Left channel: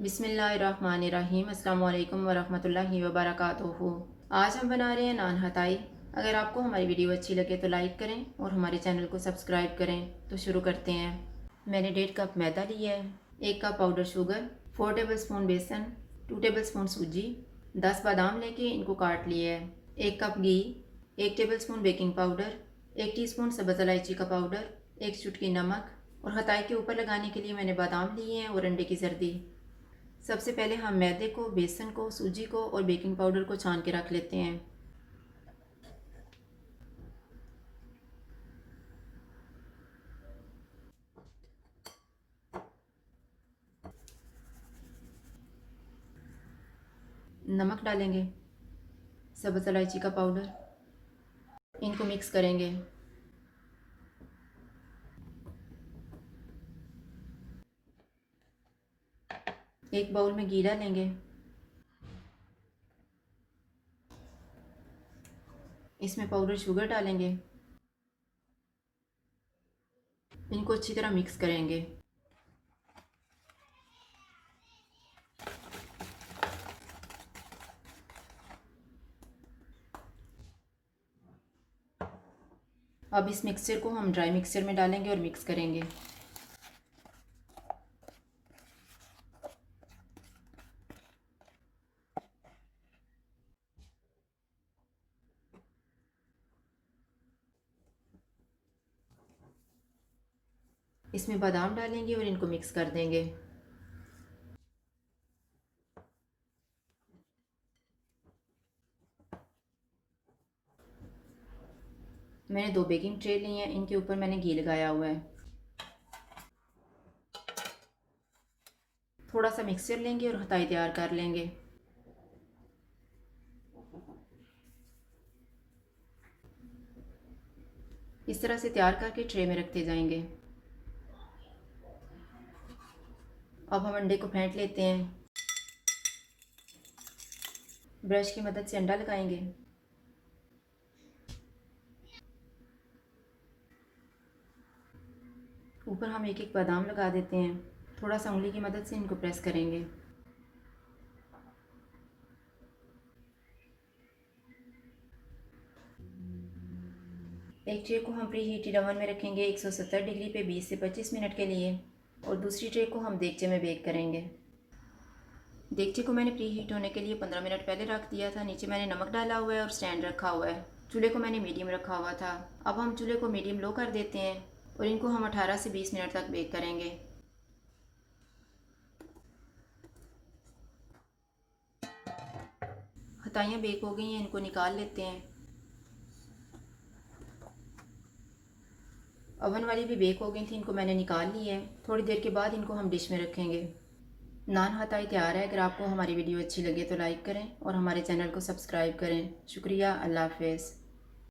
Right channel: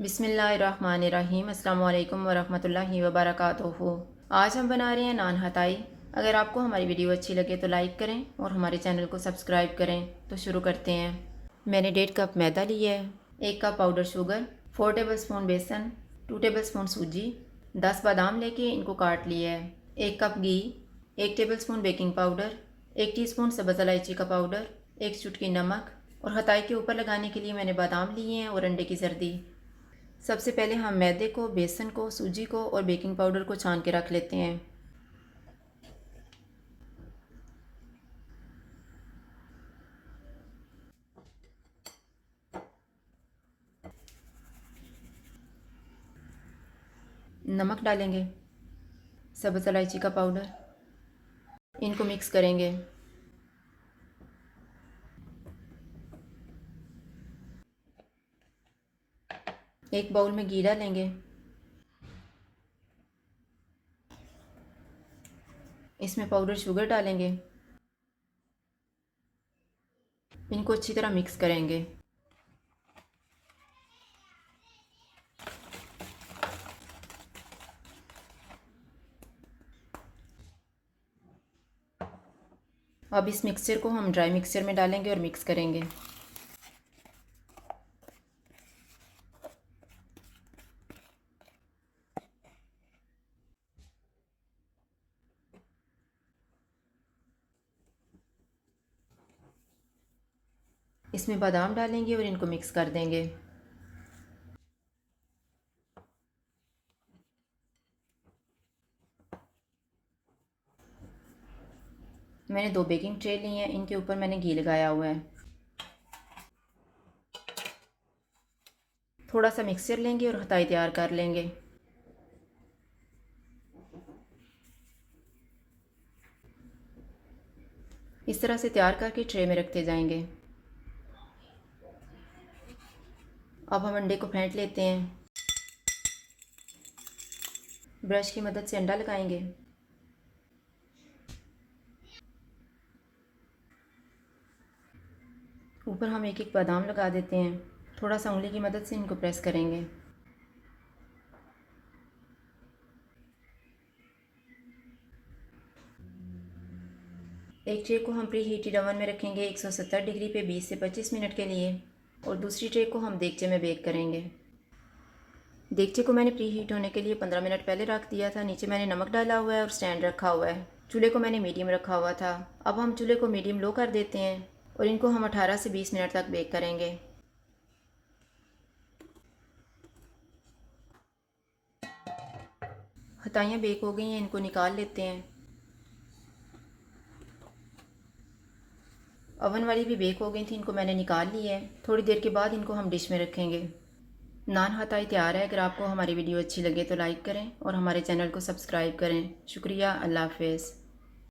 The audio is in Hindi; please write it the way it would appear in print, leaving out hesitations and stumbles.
बिस्मिल्लाहिर्रहमानिर्रहीम। अस्सलाम वालेकुम वरहमतुल्लाहि वबरकातुहू। आज हम बना रहे हैं नान हताई। अगर आपको हमारी वीडियो अच्छी लगे तो लाइक करें और हमारे चैनल को सब्सक्राइब करें। तो शुरू करते हैं। मैंने 1.5 कप मैदा लिया है, 1 cup powder sugar, 4 table spoon बेसन, 2 टेबल स्पून सूजी, 10 बादाम लेके इनको काट लिया है, 1 कप घी, 1 tablespoon baking powder, 1 teaspoon सब्ज़ इलायची का पाउडर, 1 चुटकी नमक और हताई के ऊपर लगाने के लिए मैंने बादाम लिए हैं और अंडे की जर्दी। सबसे पहले हम मैदे को, बेसन को, सूजी को और बेकिंग पाउडर को छान के रख लेते हैं। नमक डालेंगे, सब्ज़ इलायची का पाउडर, इनको मिक्स करेंगे। एक बाउल में घी डालेंगे, इसमें पाउडर शुगर डालेंगे, इनको अच्छी तरह मिक्स करेंगे। अब इस मिक्सचर को हम ड्राई मिक्सचर में डालेंगे और मिक्स करेंगे। इसमें बादाम डालेंगे और इनको मिक्स कर देंगे। मैंने 2 बेकिंग ट्रे ली हैं, इनके ऊपर मैंने घी लगाया हुआ है। थोड़ा सा मिक्सचर लेंगे और हताई तैयार कर लेंगे। इस तरह से तैयार करके ट्रे में रखते जाएंगे। अब हम अंडे को फेंट लेते हैं। ब्रश की मदद से अंडा लगाएंगे। ऊपर हम एक एक बादाम लगा देते हैं। थोड़ा सा उंगली की मदद से इनको प्रेस करेंगे। एक ट्रे को हम प्री हीटेड ओवन में रखेंगे 170 डिग्री पे 20 से 25 मिनट के लिए और दूसरी ट्रे को हम देगचे में बेक करेंगे। देगचे को मैंने प्री हीट होने के लिए 15 मिनट पहले रख दिया था। नीचे मैंने नमक डाला हुआ है और स्टैंड रखा हुआ है। चूल्हे को मैंने मीडियम रखा हुआ था। अब हम चूल्हे को मीडियम लो कर देते हैं और इनको हम 18 से 20 मिनट तक बेक करेंगे। हताइयाँ बेक हो गई हैं, इनको निकाल लेते हैं। ओवन वाली भी बेक हो गई थी, इनको मैंने निकाल लिया है। थोड़ी देर के बाद इनको हम डिश में रखेंगे। नान हताई तैयार है। अगर आपको हमारी वीडियो अच्छी लगे तो लाइक करें और हमारे चैनल को सब्सक्राइब करें। शुक्रिया। अल्लाह हाफ़िज़।